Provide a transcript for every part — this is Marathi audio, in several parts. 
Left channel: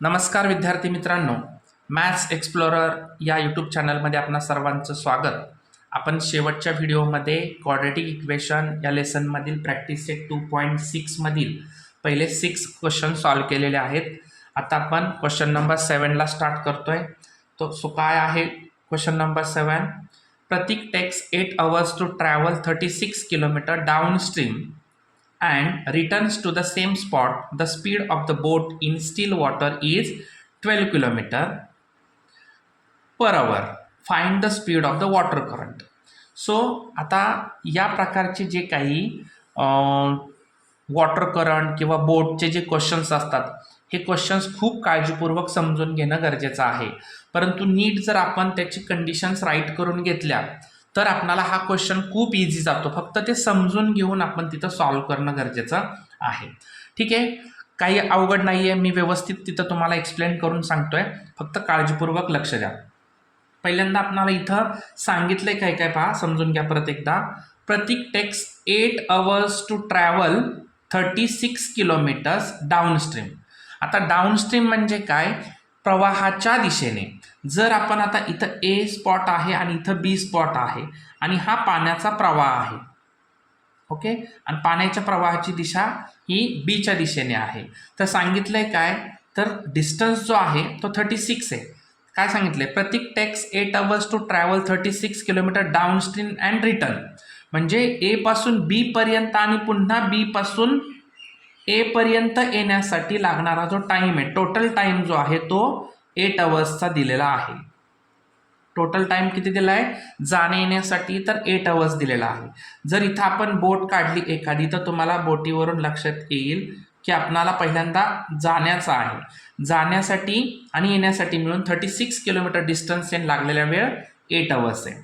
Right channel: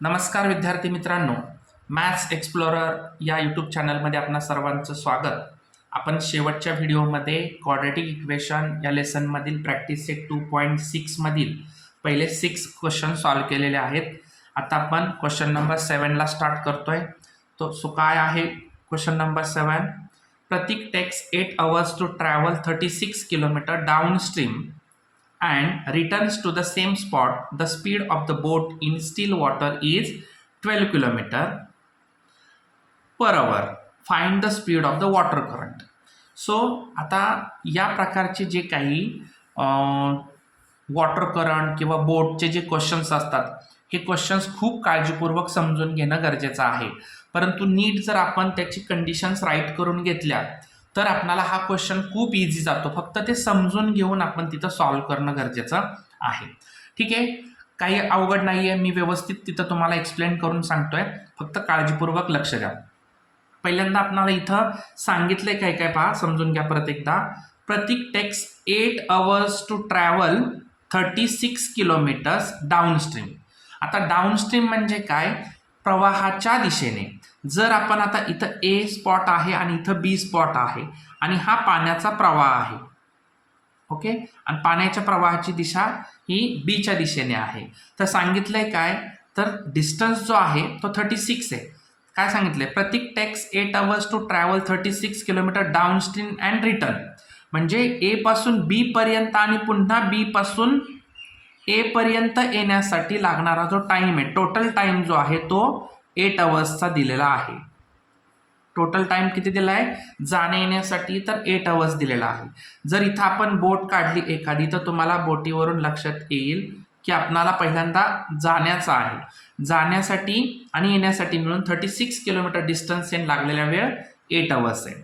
नमस्कार विद्यार्थी मित्रांनो, मॅथ्स एक्सप्लोरर या यूट्यूब चॅनलमध्ये आपणा सर्वांचं स्वागत. आपण शेवटच्या व्हिडिओमध्ये क्वाड्रॅटिक इक्वेशन या लेसनमधील प्रॅक्टिस सेट 2.6 मधील पहिले 6 क्वेश्चन सॉल्व्ह केलेले आहेत. आता आपण क्वेश्चन नंबर 7ला स्टार्ट करतोय. सो काय आहे question number 7? Pratik takes 8 hours to travel 36 kilometre downstream and returns to the same spot. The speed of the boat in still water is 12 km per hour. Find the speed of the water current. So आता या प्रकारचे जे काही वॉटर करंट किंवा बोटचे जे क्वेश्चन्स असतात, हे क्वेश्चन्स खूप काळजीपूर्वक समजून घेणं गरजेचं आहे. परंतु नीट जर आपण त्याची कंडिशन्स राईट करून घेतल्या तर आपल्याला हा क्वेश्चन खूप इझी जातो. फक्त ते समजून घेऊन आपण तिथं सॉल्व्ह करणं गरजेचं आहे. ठीक आहे, काही अवघड नाही आहे. मी व्यवस्थित तिथं तुम्हाला एक्सप्लेन करून सांगतोय, फक्त काळजीपूर्वक लक्ष द्या. पहिल्यांदा आपल्याला इथं सांगितलंय काय काय पहा, समजून घ्या परत एकदा. Prateek takes 8 hours to travel 36 kilometres downstream. आता डाऊनस्ट्रीम म्हणजे काय? प्रवाहाच्या दिशेने. जर आपण आता इथं ए स्पॉट आहे आणि इथं बी स्पॉट आहे आणि हा पाण्याचा प्रवाह आहे, ओके, आणि पाण्याच्या प्रवाहाची दिशा ही बीच्या दिशेने आहे. तर सांगितलंय काय, तर डिस्टन्स जो आहे तो 36 आहे. काय सांगितलंय? Prateek takes 8 hours to travel 36 kilometre downstream and return. म्हणजे ए पासून बी पर्यंत आणि पुन्हा बी पासून ए पर्यंत येण्यासाठी लागणारा जो टाइम आहे, टोटल टाइम जो आहे तो 8 hours दिलेला आहे. टोटल टाइम किती दिला आहे जाणे येण्यासाठी? तर 8 hours दिलेला आहे. जर इथं आपण बोट काढली एखादी, तर तुम्हाला बोटीवरून लक्षात येईल की आपणाला पहिल्यांदा जाण्याचा आहे. जाण्यासाठी आणि येण्यासाठी मिळून 36 किलोमीटर डिस्टन्स लागलेला वेळ 8 hours आहे.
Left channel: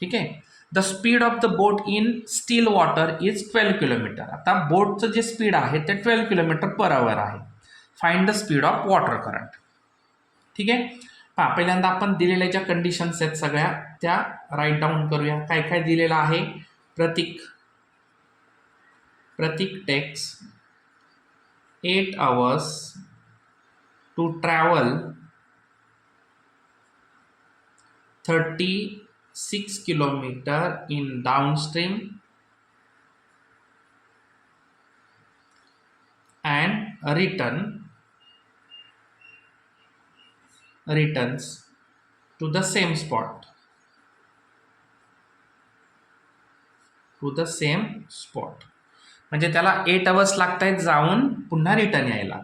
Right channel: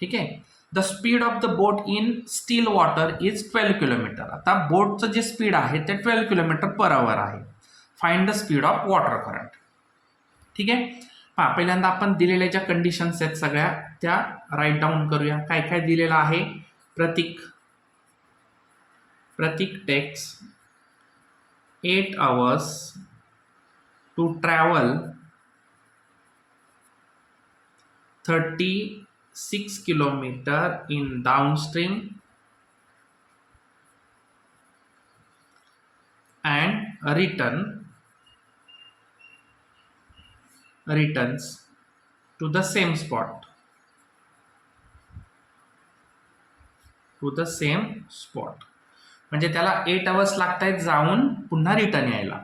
ठीक आहे. The speed of the boat in steel water is 12 kilometre. आता बोटचं जे स्पीड आहे ते 12 किलोमीटर पर आवर आहे. Find the speed of water current. ठीक आहे. पहा, पहिल्यांदा आपण दिलेल्या ज्या कंडिशन्स आहेत सगळ्या त्या राईट डाऊन करूया. काय काय दिलेलं आहे? Prateek takes 8 hours to travel 36 kilometre in downstream and returns to the same spot. म्हणजे त्याला 8 hours लागत आहेत जाऊन पुन्हा रिटर्न यायला.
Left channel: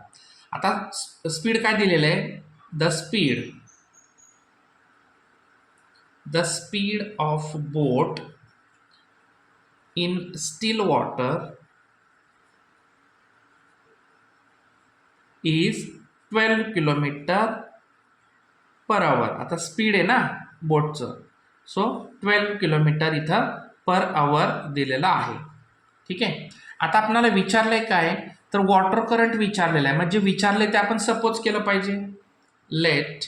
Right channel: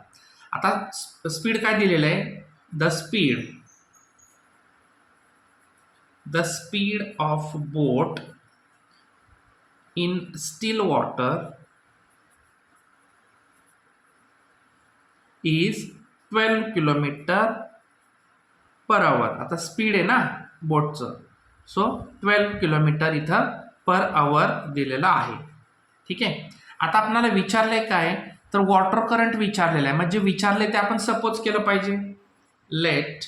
आता स्पीड काय दिलेलं आहे? The speed of boat in steel water is 12 kilometre per hour. आता स्पीड आहे ना बोटचं, सो 12 किलोमीटर इथं पर आवर दिलेलं आहे. ठीक आहे. आता आपल्याला विचारलंय काय, तर वॉटर करंट विचारलेलं आहे. म्हणजे विचारले ते आपण सपोज केलं पाहिजे. Let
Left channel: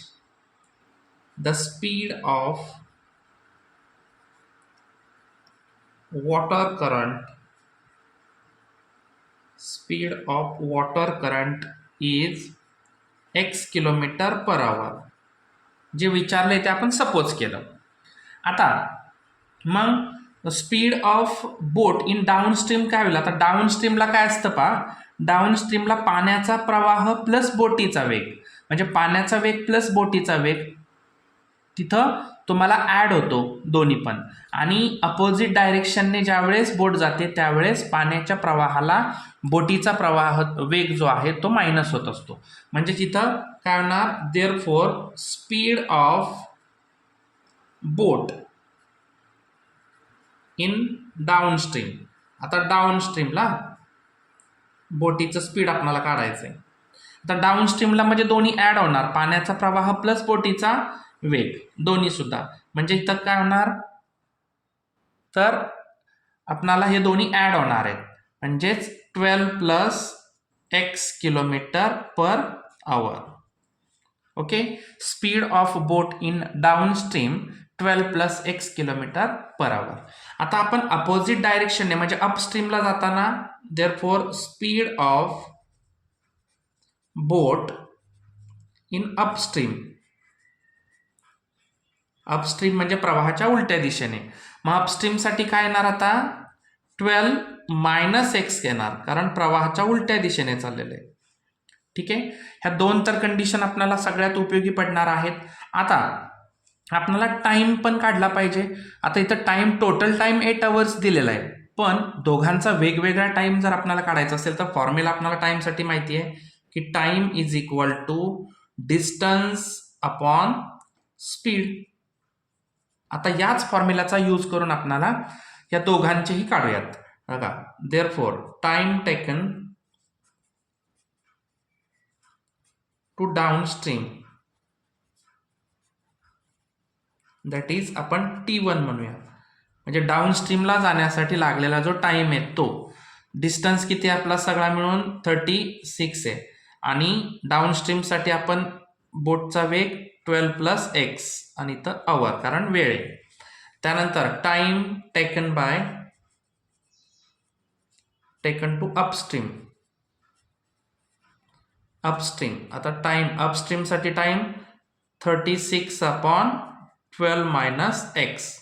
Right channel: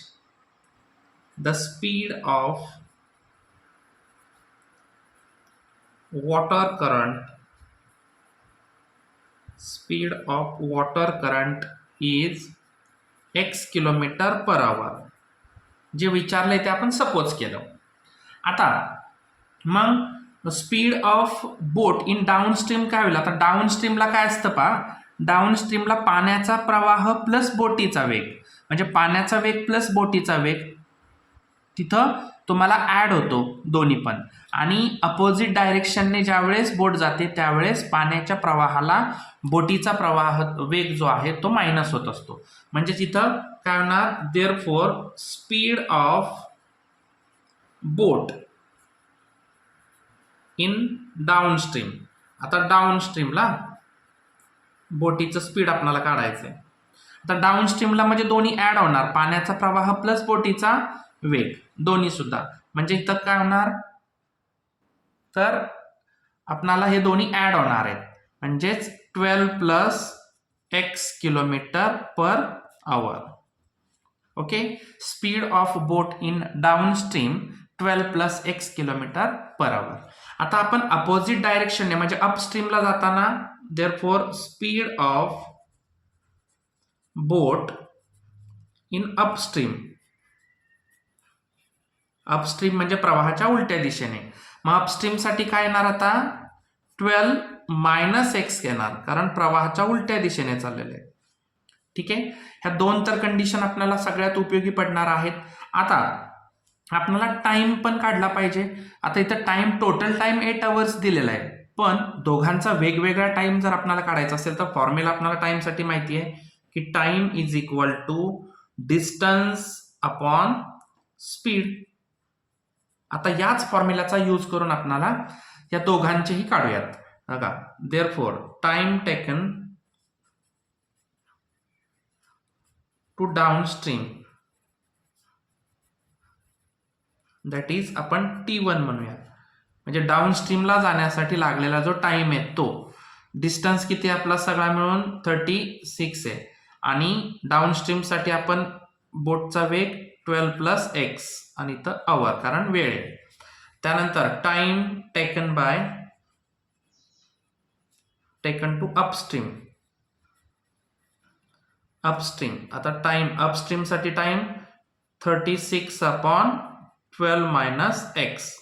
the speed of water current is x kilometre per hour. जे विचारलंय ते आपण सपोज केलं. आता मग speed of boat in downstream काय होईल? आता डाऊनस्ट्रीमला काय असतं पहा, डाऊनस्ट्रीमला पाण्याचा प्रवाह प्लस बोटीचा वेग, म्हणजे पाण्याचा वेग प्लस बोटीचा वेग तिथं तुम्हाला ॲड होतो दोन्ही पण. आणि अपोजिट डायरेक्शनने ज्यावेळेस बोट जाते त्यावेळेस पाण्याच्या प्रवाहाला बोटीचा प्रवाह वेग जो आहे तो मायनस होत असतो. म्हणजे तिथं काय होणार? Therefore speed of boat in downstream. आता डाऊनस्ट्रीमला बोटीचं स्पीड आपल्याला काढायचं आहे. आता डाऊनस्ट्रीमला म्हणजे दोन्ही ॲड होणार, पाण्याचा प्रवाह प्लस बोटीचा वेग दोन्ही सुद्धा. म्हणजे इथं काय होणार, तर आपणाला हे दोन्ही ॲड होणार आहेत. म्हणजेच 12 plus x kilometre per hour. Okay. Speed of boat in downstream 12 plus x kilometre per hour. आता आपण अपोजिट डायरेक्शनने म्हणजे अपस्ट्रीमला जाताना, therefore speed of boat in upstream. Upstream म्हणजे प्रवाहाच्या उलट्या दिशेने. मग अपस्ट्रीमसाठी काय येणार आता 12 मायनस एक्स येणार, कारण प्रवाहाच्या उलट्या दिशेने चाललेलं आहे. ठीक आहे, ह्या दोन तर कंडिशन आपल्याला सगळ्यात उपयोगी पडणार आहेत. आता आपल्याला टाइम पण काढला पाहिजे. आता इथं टाइम, टोटल टाइम 8 आवर्स दिलेला आहे, पण दोघांचा वेगवेगळा टाइम जर आपल्याला काढायचा असेल तर फॉर्म्युला आपल्याला टाइमसाठी माहिती आहे की time is equal to distance upon speed. आता याच फॉर्म्युलाचा यूज करून आपल्याला या दोघांचेही काढूयात. बघा, therefore time taken to downstream, that is आपण T1 म्हणूया. म्हणजे डाउनस्ट्रीमला जाण्यासाठी लागलेला जो टाइम आहे तो, डिस्टन्स किती आपला सगळा मिळून 36 आहे, आणि डाउनस्ट्रीमसाठी आपण बोटचा वेग 12 प्लस एक्स आणि इथं आवर, कारण वेळ आहे. त्यानंतर टाइम टेकन टू अपस्ट्रीम. आता टाइम अपस्ट्रीमसाठी टाइम 36 अपॉन 12 मायनस एक्स.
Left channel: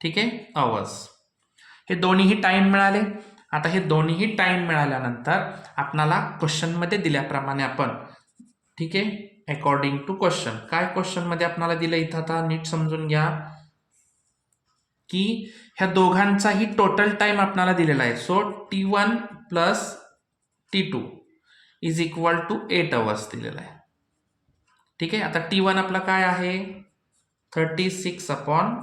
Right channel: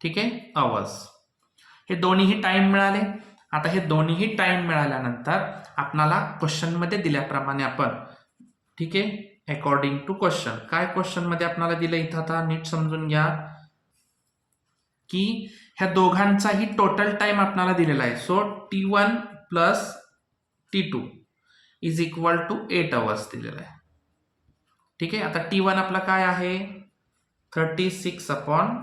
ठीक आहे, आवर्स. हे दोन्हीही टाइम मिळाले. आता हे दोन्हीही टाइम मिळाल्यानंतर आपणाला क्वेश्चनमध्ये दिल्याप्रमाणे आपण, ठीक आहे, अकॉर्डिंग टू क्वेश्चन, काय क्वेश्चनमध्ये आपल्याला दिलं इथं, आता नीट समजून घ्या की ह्या दोघांचाही टोटल टाइम आपल्याला दिलेला आहे. So T1 plus T2 is equal to 8 hours दिलेला आहे. ठीक आहे, आता T1 आपला काय आहे 36 upon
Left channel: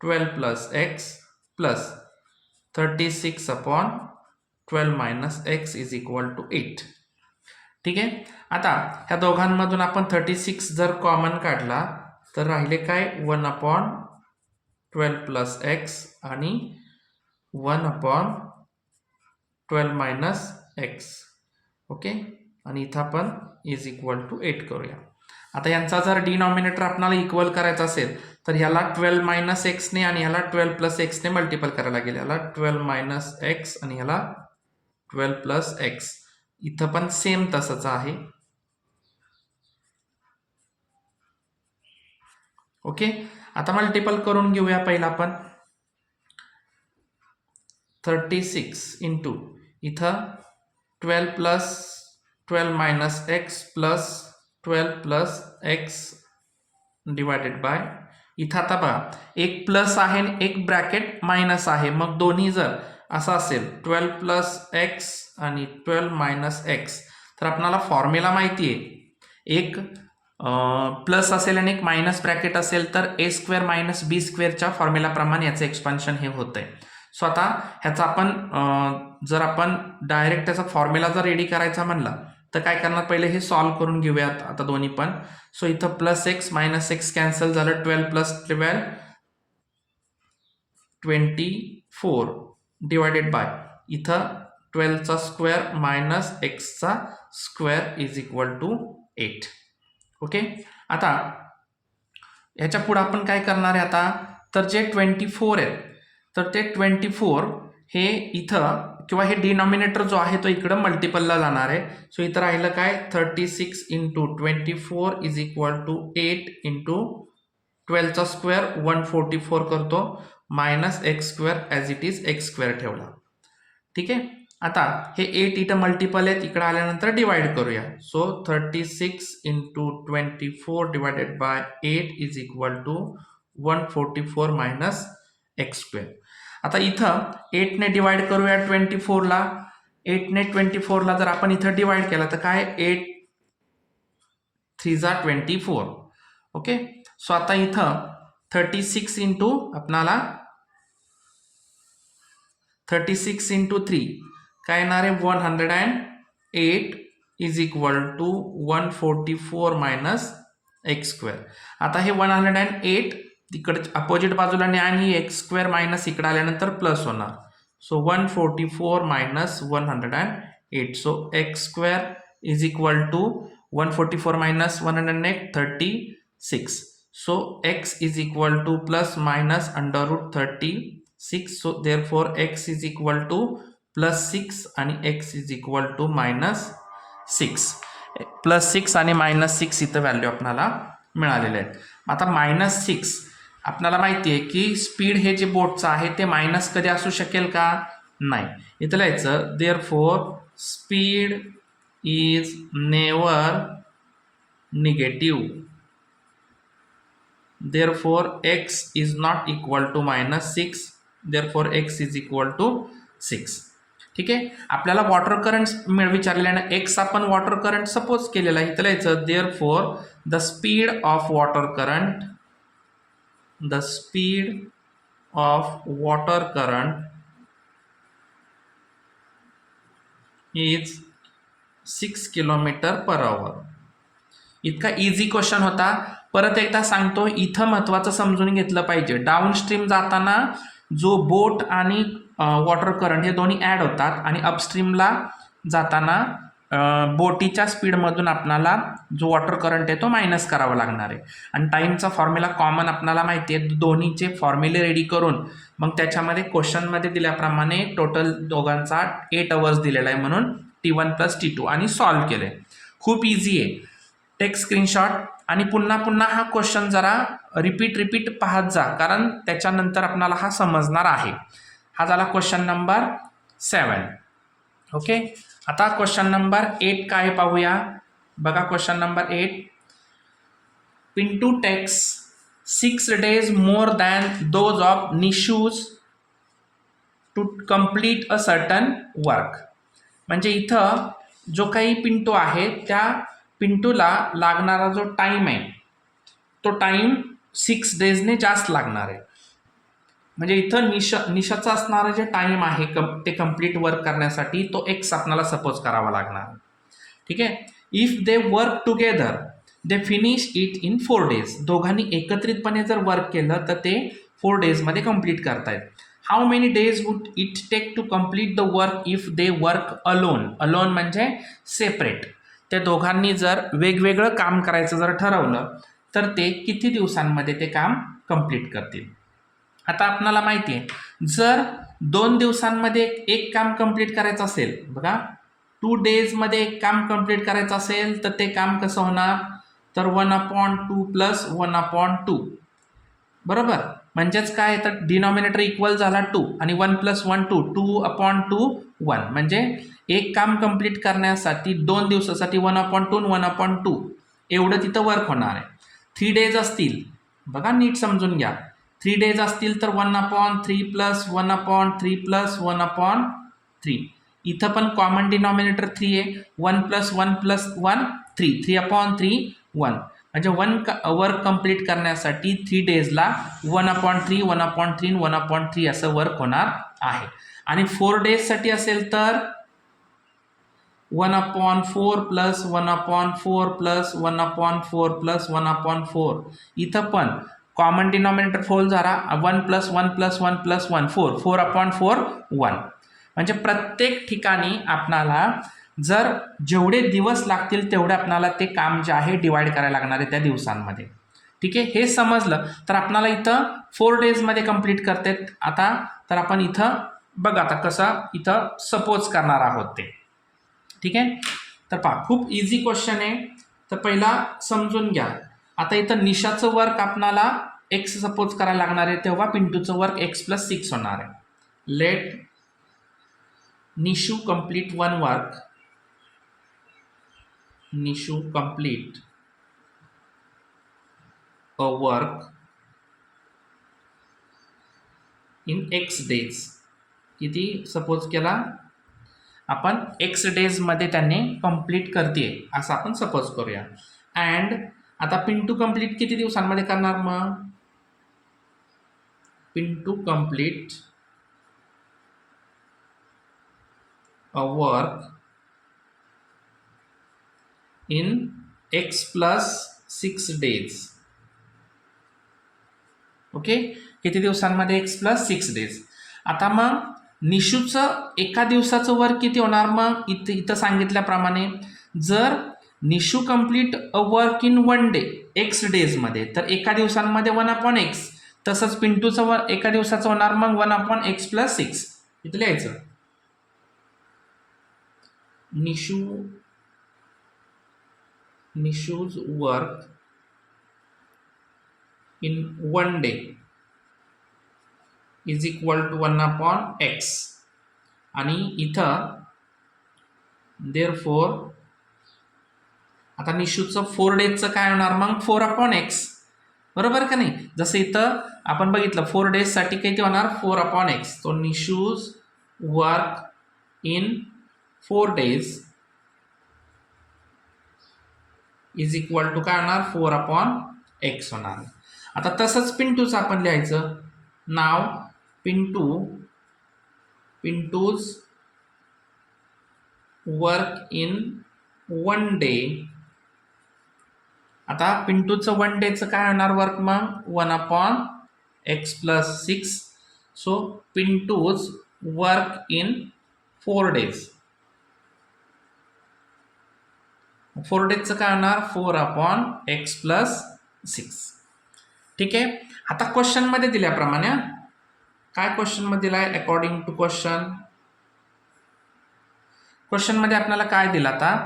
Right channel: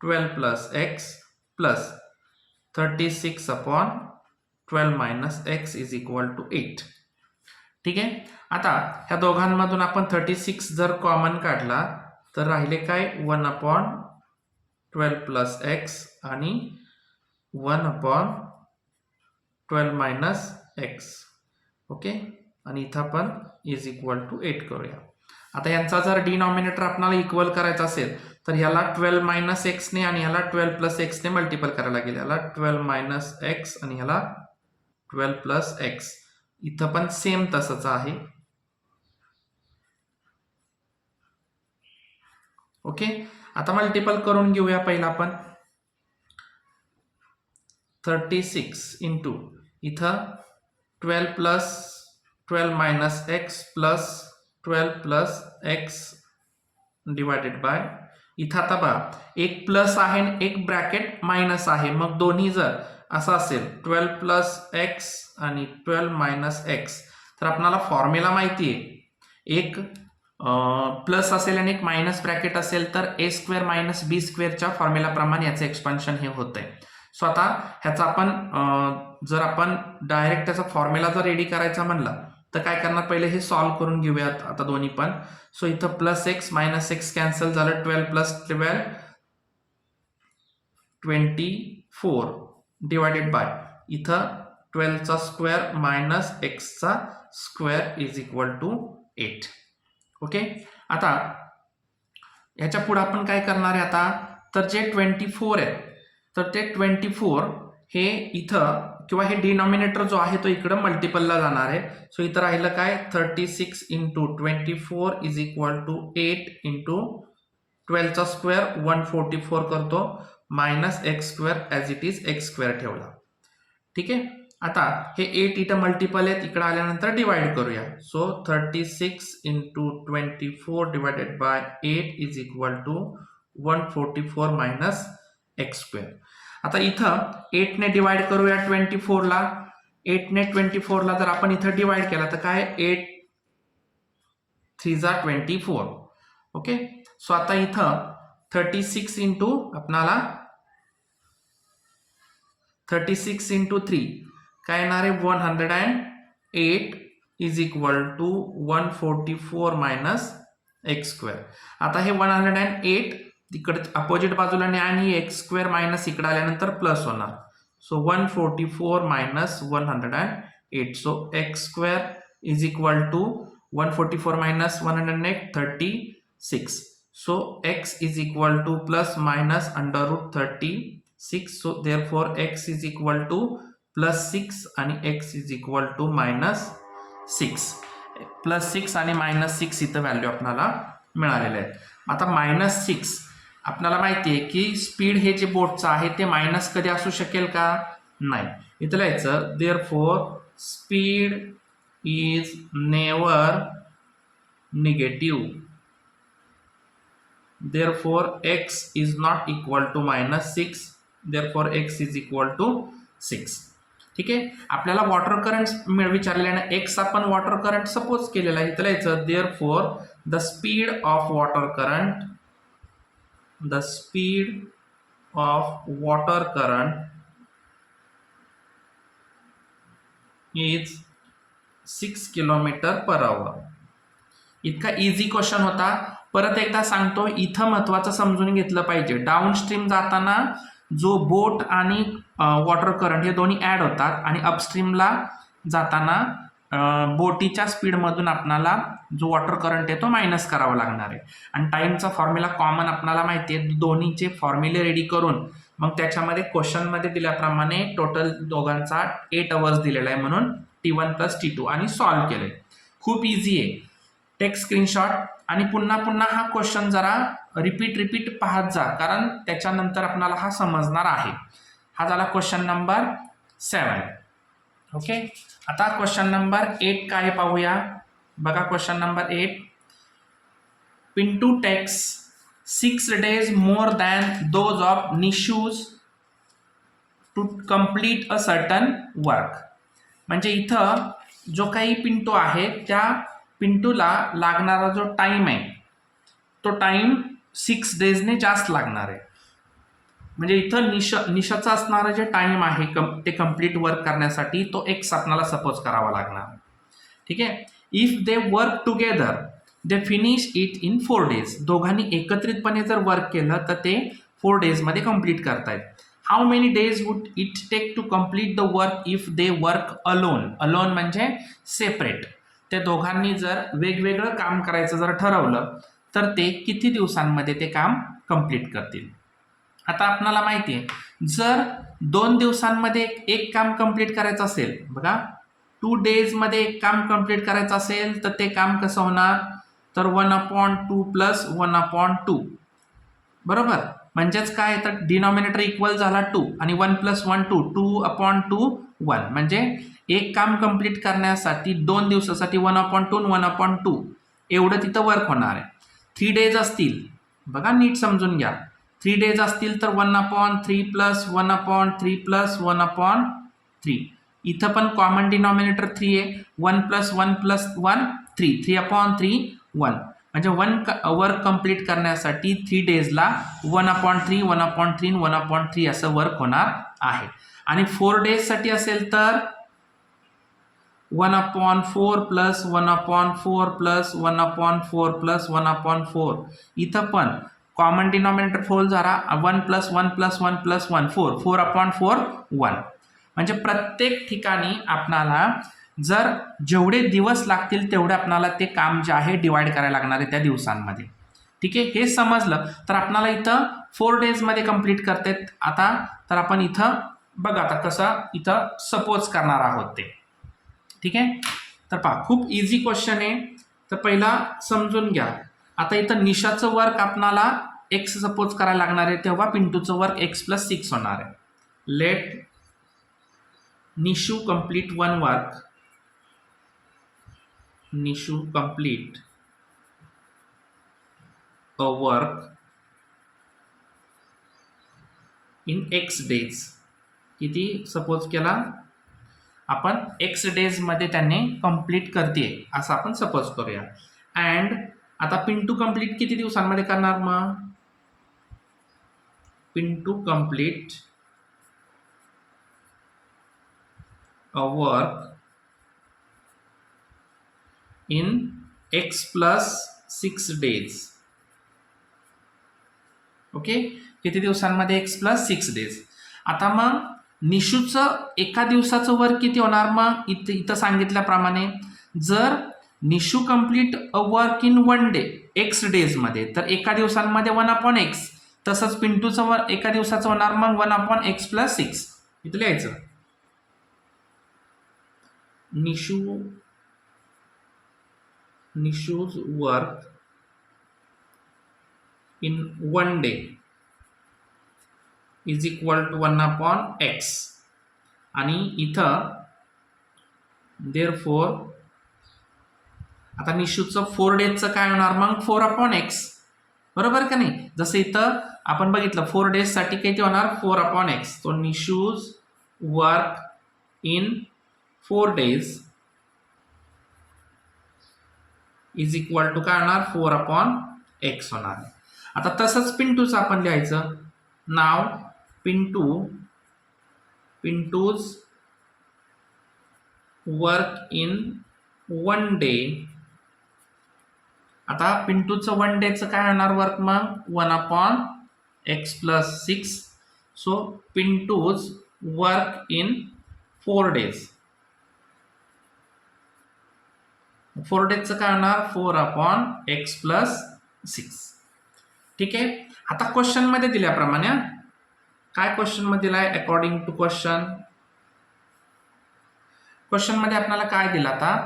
12 plus x plus 36 upon 12 minus x is equal to 8. ठीक आहे, आता ह्या दोघांमधून आपण 36 जर कॉमन काढला तर राहिले काय 1 अपॉन 12 प्लस एक्स आणि 1 अपॉन 12 मायनस एक्स. ओके, आणि इथं आपण इज इक्वल टू 8 करूया. आता यांचा जर डिनॉमिनेटर आपल्याला इक्वल करायचा असेल तर ह्याला 12 मायनस एक्सने आणि ह्याला 12 प्लस एक्सने मल्टिपल करायला लागेल. ह्याला 12 मायनस एक्स आणि ह्याला 12 प्लस एक्स. इथं पण सेम तसंच आहे. ओके, आता मल्टिपल करून घेऊया. पहिला आपण 36 इंटू इथं 12 plus 12 minus x plus 12 plus x divided by, इथं आता बघा एक प्लस आहे आणि एक ब्रॅकेट मायनस आहे. मग दोन्ही जर असं असेल 12 प्लस एक्स आणि 12 मायनस एक्स, तर आपल्याला फॉर्म्युला माहिती आहे, एक प्लस असेल आणि एक मायनस ब्रॅकेट असेल तर ए स्क्वेअर मायनस बी स्क्वेअरच्या फॉर्म्युलाप्रमाणे याचं एक्सपान्शन हे होतं आहे. सो आता ह्याचा आपण जर आपण डायरेक्ट त्याचा फॉर्म्युला जर रेडी करायचा म्हणला तर काय करणार, पहिले हे सॉल्व्ह करून घेऊयात आता दोन्ही पण. सो इथं plus x minus x cancel झालं, 12 प्लस 12 24 डिवायडेड बाय इथं 12चा स्क्वेअर मायनस एक्सचा square is equal to 8. Okay, आता ह्याच्या पुढे आपण काय करणार आहे आता, तर जे 24 आहे तर ते 24 हे इथं किंवा हे डिनॉमिनेटर जो आहे तो इकडं मल्टिपलला जाणार आहे. सो इथं राहिलं काय 36 into 24 is equal to 8 into 12चा स्क्वेअर 144 करतो minus x square as it is x square ठेवला. ठीक आहे, आता हे 8 इथं मल्टिपल आहेत, इकडे आल्यानंतर डिवाइड करूया. So 36 into 24 divided by 8 is equal to 144 minus x square. आता इथं 8 ने डिवाइड करूया 24ला. 8 ने 24ला जर आपण इथं डिवाइड केला तर काय 8 3 जा 24. ओके, सो आता इथं 36 इंटू आपणाला 36 इंटू 3 काय येणार आहे 108 is equal to 144 minus x square. आता हे 108 तिकडे अपोजिट बाजूला आणि एक्स स्क्वेअर मायनस इकडे आल्यानंतर प्लस होणार. So 144 minus 108. So x square is equal to 144 minus 108 36. So x is equal to plus minus under root 36. So therefore x is equal to plus 6 आणि x is equal to minus 6. +6 आणि -6 इथं व्हॅल्यू आपल्याला मिळालेले आहेत. आता -6 आपल्याला माहिती आहे की स्पीड हे जे बोटचं आहे ते मायनस कधी असू शकेल का? नाही. इथं लिहायचं therefore speed is never negative. therefore x is not equal to -6, therefore x is equal to 6. ठीक आहे. आपल्याला वॉटर करंट विचारल्याने x आपण वॉटर करंट सपोज केलेला आहे. इथं लिहायचं therefore the speed of water current is 6 km/h. इतका इझी क्वेश्चन होता. परत एकदा सांगतो, इथं महत्वाचं समजून घेतलं पाहिजे. डाऊनस्ट्रीम जाताना जो बोट आणि वॉटर करंट हे दोन्ही ॲड होतात आणि अपस्ट्रीमला जाताना बोटीच्या स्पीडमधून आपल्याला जो वॉटर करंट आहे तो मायनस करावा लागणार आहे. आणि टाईमचा फॉर्म्युला कॉमन आपल्याला माहिती आहे. दोन्हीचे फॉर्म्युले रेडी करून मग त्याच्यामध्ये क्वेश्चनमध्ये दिल्याप्रमाणे टोटल दोघांचा 8 अवर्स दिलेला आहे, म्हणून T1 + T2 आणि सॉल्व्ह केले. खूप इझी आहे. टेक स्क्रीनशॉट आणि पुन्हा हा क्वेश्चन जरा रिपीट पाहत जा, कारण त्याच्यानंतर आपल्याला हा समजणार आहे. हा झाला क्वेश्चन नंबर 7. ओके. आता क्वेश्चन नंबर 8 काय पाहूया. बघा question number 8. Pintu takes 6 days more than those of Nishu's to complete a certain work. म्हणजे इथं जो काही पिंटू आहे त्या पिंटूला लागणारा जो टाइम आहे तो टाइम 6 days जास्त लागणार आहे. म्हणजे इथं निशाचा असणारा जे टाइम आहे ते कम्प्लीट वर्क करण्यासाठी तो एक्स आपल्याला सपोज करावा लागणार. ठीक आहे. If they work together they finish it in 4 days. दोघांनी एकत्रितपणे जर वर्क केलं तर ते 4 days मध्ये कम्प्लीट करतायत. How many days would it take to complete the work if they work alone. Alone म्हणजे सेपरेट. त्या दोघांनी जर वेगवेगळं काम करायचं जर ठरवलं तर ते किती दिवसांमध्ये ते काम कंप्लीट करतील. आता आपल्याला माहिती आहे जर 2 दिवसांमध्ये एक काम कंप्लीट करायचं असेल, बघा 2 days मध्ये एक काम कंप्लीट करायचं असेल तर ते काम कसं होणार, तर 1/2 + 1/2. बरोबर. म्हणजेच काय, तर डिनॉमिनेटर इक्वल झाला 2 आणि 1 + 1 2, 2/2 1. म्हणजे एक काम कंप्लीट करण्यासाठी 2 दिवसासाठी 1/2 1/2 एवढं तिथं वर्क होणार आहे. 3 days असतील, बघा नीट समजून घ्या. 3 days असतील तर 1/3 + 1/3 + 1/3. इथं पण कॉमन डिनॉमिनेटर 3 आहे. 1 + 1 + 1 3, 3/3 1. म्हणजे वर्क कंप्लीट करण्यासाठी 3 daysला 1/3 1/3 1/3 असं वर्क होणार आहे. आणि 4 days साठी असेल तर 1/4 + 1/4 + 1/4 + 1/4. इथं पण कॉमन डिनॉमिनेटर 4 झाला. 1 + 1 + 1 + 1 4, 4/4 1. म्हणजे प्रत्येक ठिकाणी आपणाला जर जेवढे दिवस लागतील तेवढे आपणाला ते काम जे आहे डिवाइड करायला लागणार आहे त्या दिवसांमध्ये. ठीक आहे. हे समजलं तर आपणाला इथं 4 days मध्ये कंप्लीट करतात. आता तर आपण इथं बघा आता कसं इथं सपोज करणार आहोत ते. ठीक आहे. तर पहा खूप इझी क्वेश्चन आहे. तर पहिला समजून घ्या. आता इथं निशाचं वर्क आपणाला x सपोज करायला लागणार आहे, तेव्हा पिंटूचं वर्क x + 6 होणार आहे. Let Nishu complete 1 work. Nishu complete a work in x days. किती सपोज केला आपण, x days मध्ये त्यांनी कंप्लीट करते असं आपण सपोज करूया. अँड आता पिंटू कंप्लीट किती दिवसांमध्ये करणार, मग Pintu complete a work in x + 6 days. Okay. किती दिवसांमध्ये x + 6 days. आता मग निशूचं एका दिवसाचं वर्क किती होणार, मग इथं सांगितल्याप्रमाणे जर Nishu complete a work in 1 day x days मध्ये तर एका दिवसांमध्ये 1/x. तसंच पिंटूचं वर्क एका दिवसाचं होणार मग 1/x + 6. इथं लिहायचं Nishu Nishu's work in 1 day is equal to 1/x. आणि इथं देअरफॉर आता निशूचं 4 डेजचं काय होणार मग 4/x, बरोबर का नाही. जसं इथं आपण बघितलं 4 डेजसाठी किती होणार 4/x. तो Nishu's work in 4 days is equal to काय होणार 4/x होणार. आता तसंच पिंटूचं आपण लिहायचं. नाव पिंटूज वर्क इन 1 day. आता पिंटूचं 1 डेचं काय होणार वर्क मग 1/x + 6. So Pintu's work in 4 days. 4 डेजचं काय होणार 4/x + 6. ठीक आहे. आता क्वेश्चन मध्ये दिल्याप्रमाणे काय क्वेश्चन मध्ये दिलाय अकॉर्डिंग टू क्वेश्चन मध्ये आपल्याला काय दिलं आता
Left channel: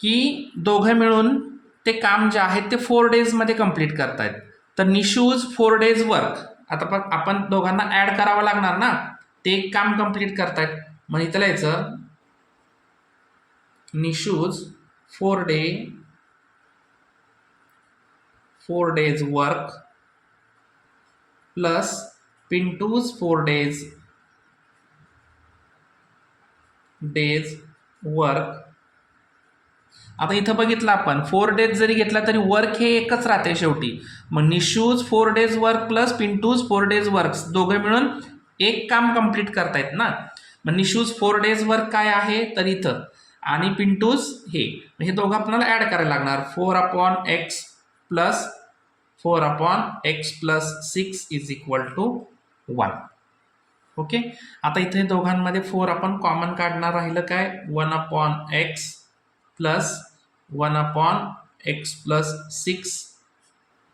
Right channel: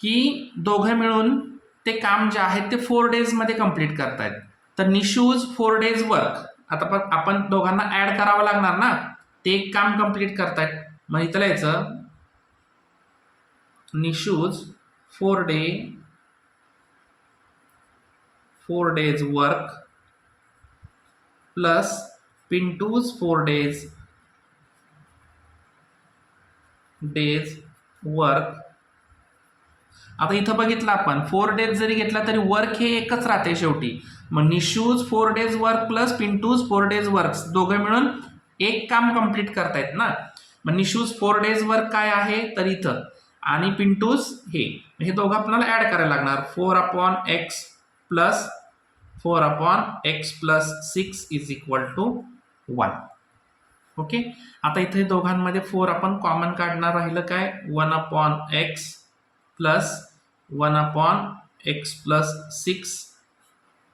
की दोघे मिळून ते काम जे आहे ते 4 days मध्ये कंप्लीट करतायत. तर निशूज 4 days वर्क. आता आपण दोघांना ऍड करावं लागणार ना. ते एक काम कंप्लीट करतायत. मग इथं लिहायचं Nishu's 4 days work plus Pintu's 4 days work. आता इथं बघितलं आपण 4 days जरी घेतला तरी वर्क हे एकच राहते शेवटी. मग Nishu's 4 days work plus Pintu's 4 days work दोघे मिळून एक काम कंप्लीट करतायत ना. मग निशूज 4 days वर्क काय आहे तर इथं आणि पिंटूज हे दोघं आपल्याला ऍड करायला लागणार 4/x + 6 is equal to 1. Okay. आता इथे दोघांमध्ये 4 आपण कॉमन काढणार. राहिलं काय 1/x + 1/x + 6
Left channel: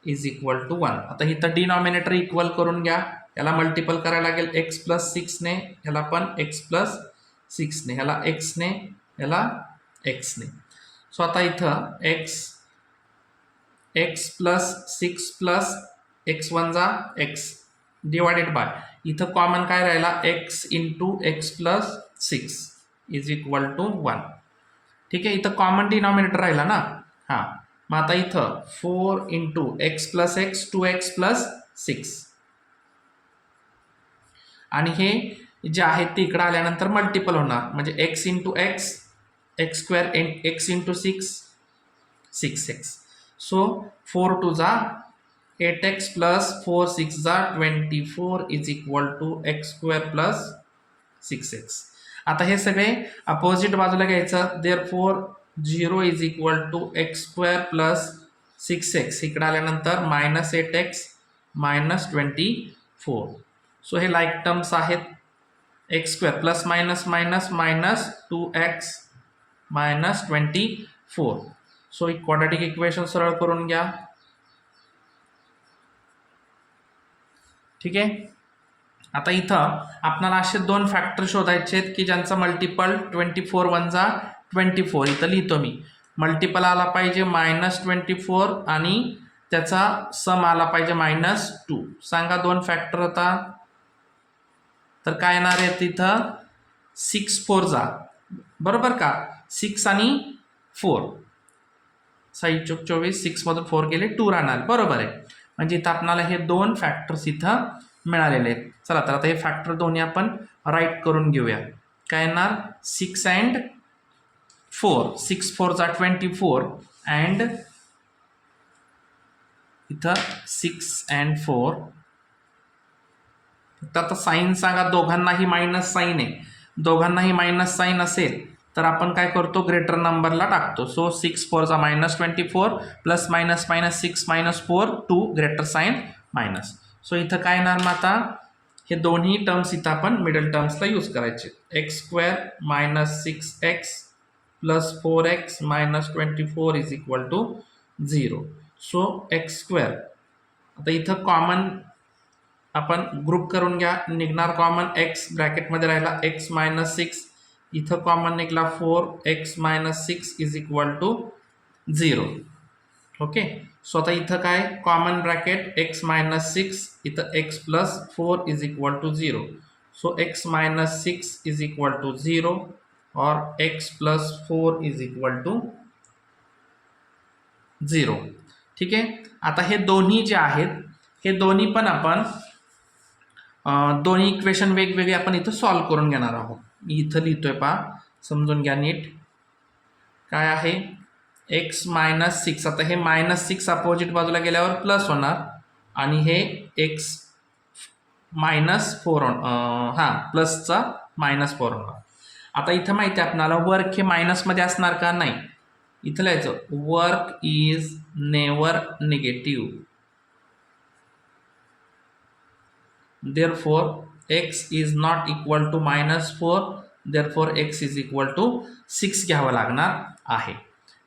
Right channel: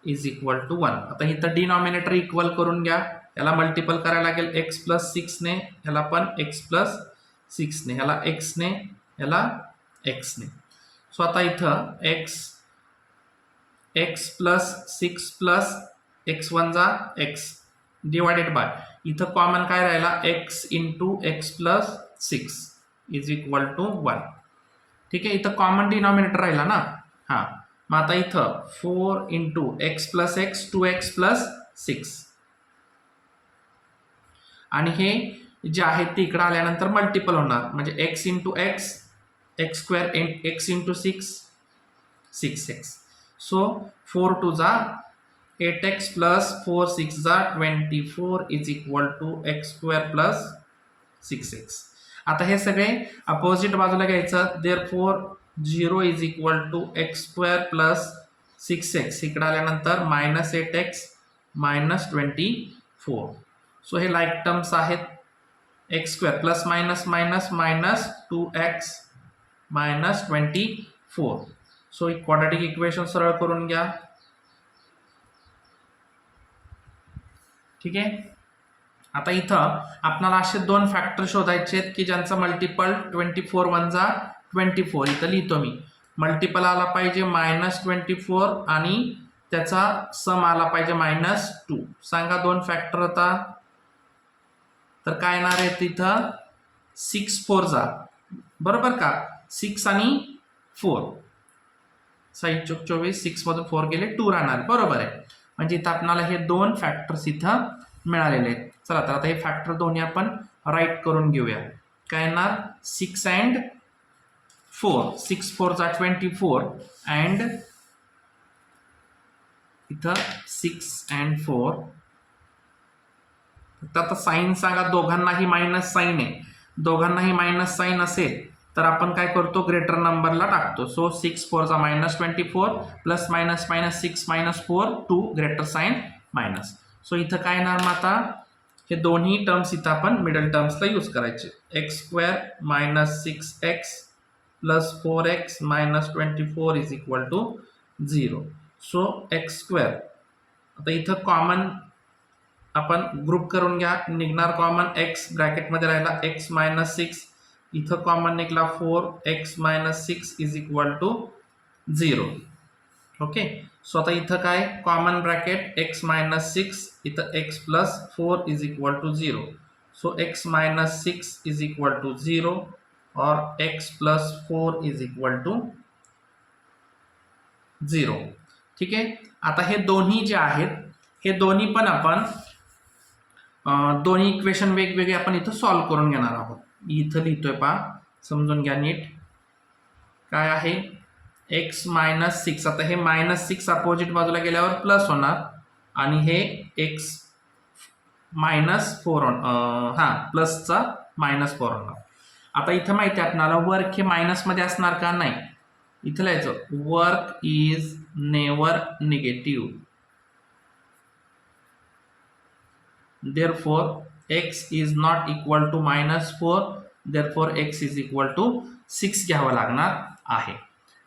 is equal to 1. आता इथं डिनॉमिनेटर इक्वल करून घ्या. याला मल्टिपल करायला लागेल x + 6 ने, ह्याला पण x + 6 ने, ह्याला x ने, ह्याला x ने. सो आता इथं x + 6 + x1 जा x डिवायडेड बाय इथं कॉमन काय राहिला x × x + 6 is equal to 1. ठीक आहे. इथं कॉमन डिनॉमिनेटर राहिला ना. हां. मग आता इथं 4 × x + x 2x + 6 आणि हे जे आहे ते इकडे आल्यानंतर मल्टिपल होणार म्हणजे x × x x² x × 6 6x. So 4 2 जा 8x + 4 6 जा 24 is equal to x² + 6x. आता हे सगळे अपोजिट बाजूला घ्यायचं. Therefore 0 is equal to x² + 6x इकडे आल्यानंतर -8x -24. सो हे लाईक टर्म्स आहेत. x² + -2x -24. So quadratic equation सरळ करून घ्या. ठीक आहे. आता इथं आपल्याला असे 2 फॅक्टर शोधायचे आहेत की ज्यांचा मल्टिपल 24 1 जा 24. इथं लिहितो मी. मल्टिपल आला पाहिजे -24 आणि त्याचा सम आला पाहिजे -2. सांगा 2 फॅक्टर होता तर काय येणार आहे तिथं 6 4 जा बरोबर का 6 आणि 4 6 24 6 मधून 4 गेले 2 राहणार बरोबर आहे. म्हणजे इथं आपल्याला हे 2 फॅक्टर्स इथं मिळालेले आहेत. चला तर आता हे फॅक्टर दोन्ही आपण राईट करून घेऊया. काय येणार 6 and 4 6 4 जा 24 अँड इथं 6 and 4. आता साईन सांगा. दोघांनाही मायनस साईन आहे. दोघांनाही मायनस साईन असेल तर आपण काय करतो ग्रेटर नंबरला टाकतो. सो 6 4 जा -24 plus minus minus 6 -4 2 greater sign minus. So इथं काय येणार मग आता हे दोन्ही टर्म्स इथं आपण मिडल टर्म्सला यूज करायचे. x² - 6x + 4x - 24 is equal to 0. So x² आता इथं कॉमन आपण ग्रुप करून घ्या. निघणार कॉमन x ब्रॅकेटमध्ये राहिला x - 6 इथं कॉमन निघाला 4x - 6 is equal to 0. Okay. So आता इथं काय कॉमन ब्रॅकेट x मायनस 6 इथं x plus 4 is equal to 0. So x minus 6 is equal to 0 और x plus 4 is equal to 0. ठीक आहे. आता हे दोन्ही जे आहेत हे दोन्ही पण आपण दोन्ही इक्वेशन वेगवेगळे आपण इथं सॉल्व्ह करून घेणार आहोत. इथं लिहितोय पहा, समजून घ्या नीट. काय आहे x मायनस 6. आता हे मायनस 6 अपोजिट बाजूला गेल्यावर प्लस होणार आणि हे x मायनस 4 प्लसचा -4 होणार. आता इथं माहिती आहे आपल्याला वर्क हे मायनसमध्ये असणार का? नाही. इथं लिहायचं work is never negative. therefore x is not equal to -4, therefore x is equal to 6 घ्यावं लागणार आहे.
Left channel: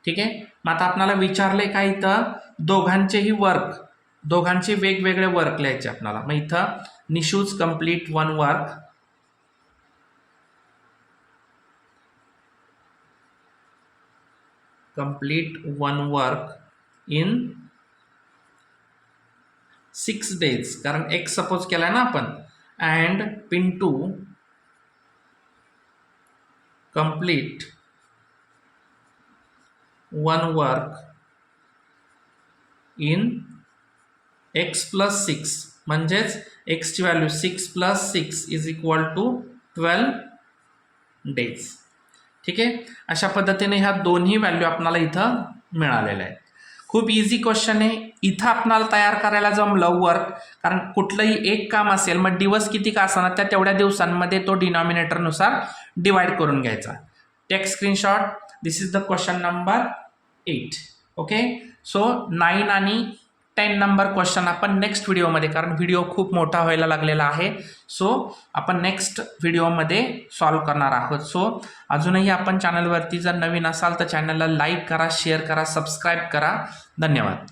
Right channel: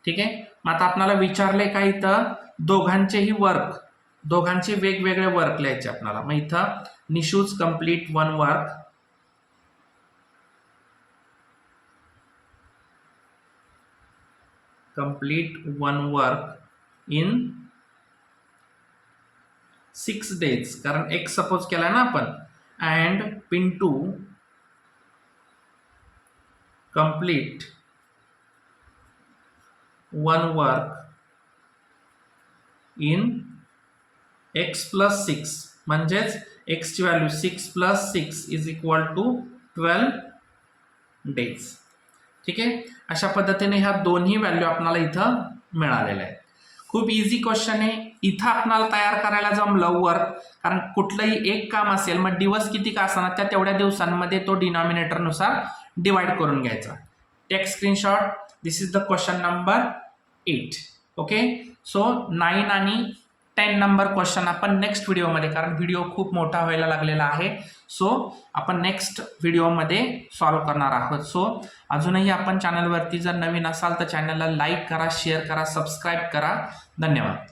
ठीक आहे. मग आता आपल्याला विचारले का इथं दोघांचेही वर्क, दोघांचे वेगवेगळे वर्क लिहायचे आपल्याला. मग इथं Nishu's complete one work, complete one work in 6 days, कारण x सपोज केला ना आपण, and Pintu complete one work in x plus 6, म्हणजेच x ची value 6 plus 6 is equal to 12 days. ठीक आहे. अशा पद्धतीने ह्या दोन्ही व्हॅल्यू आपल्याला इथं मिळालेल्या आहेत. खूप इझी क्वेश्चन आहे. इथं आपल्याला तयार करायला जमलं वर्क, कारण कुठलंही एक काम असेल मग दिवस किती का असणार त्या तेवढ्या दिवसांमध्ये तो डिनॉमिनेटरनुसार डिवाइड करून घ्यायचा. Take screenshot. This is the question number 8. Okay. So 9 आणि 10 नंबर क्वेश्चन आपण नेक्स्ट व्हिडिओमध्ये, कारण व्हिडिओ खूप मोठा व्हायला लागलेला आहे, सो आपण नेक्स्ट व्हिडिओमध्ये सॉल्व्ह करणार आहोत. सो अजूनही आपण चॅनलवरती जर नवीन असाल तर चॅनलला लाईक करा, शेअर करा, सबस्क्राईब करा. धन्यवाद.